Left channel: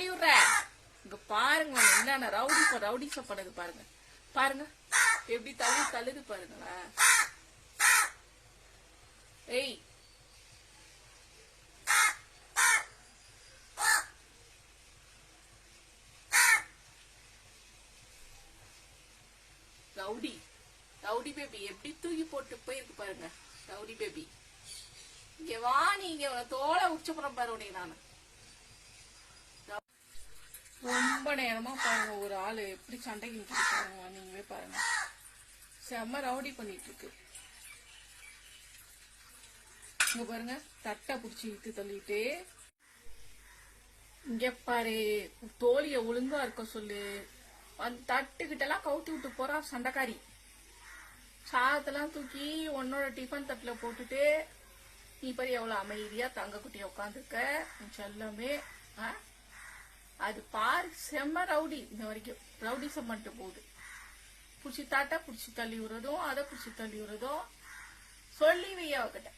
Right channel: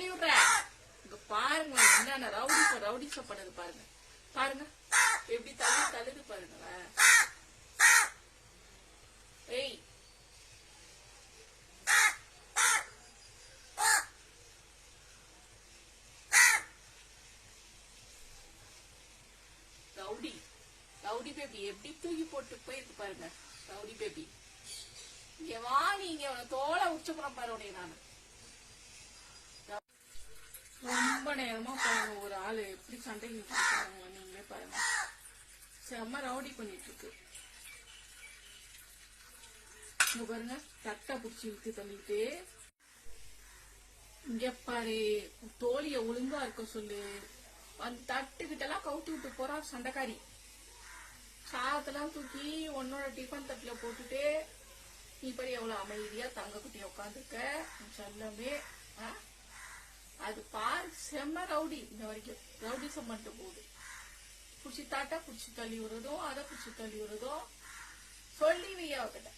தள்ளி விடுற. இங்க பாருங்க என்னென்ன ரவுடி பண்ணுது பாருங்க. பாருங்க எப்படி தள்ளுது பாருங்களேன். ஏய் ரவுடி பேபி எப்படி தூக்கி போட்டு போயிருக்கு பாருங்க. ரவுடி பேபி இங்க வா, நீங்க தோலை உச்சப்புறம் பாருங்க. நானு ரொம்ப நேரமா பாருங்க ஒரு ஆளு எப்படி சண்டைக்கு பாருங்க. நீங்களே பாருங்க செம்ம ரவுடி பண்ணிட்டு இருக்கு. இங்க பாருங்க தட்டை புடிச்சு இழுத்து தள்ளிட்டு. இங்க பாரு தோழிய ஒழுங்கா இருக்க சொல்லு. அந்த தட்டுக்கிட்ட எல்லாம் கவுத்து விட்டு போறா சண்டைக்காரி. சாதத்தெல்லாம் தூக்கி உன்னோட டிஃபன் தட்டுல போட்டுட்டு நீ பாரு எவ்வளவு அமைதியா தங்க குட்டிய உட்காந்துருக்க செல்லமே. அது பாரு செம்ம ரவுடி. இந்த வரைக்கும் ரவுடிசம் பண்ணிட்டு போகுது. புடிச்சு தாட்டா புடிச்சு தள்ளி விடுறதும் அதை புடிச்சு தள்ளி விடுறதும் சொல்லி வையா அவகிட்ட.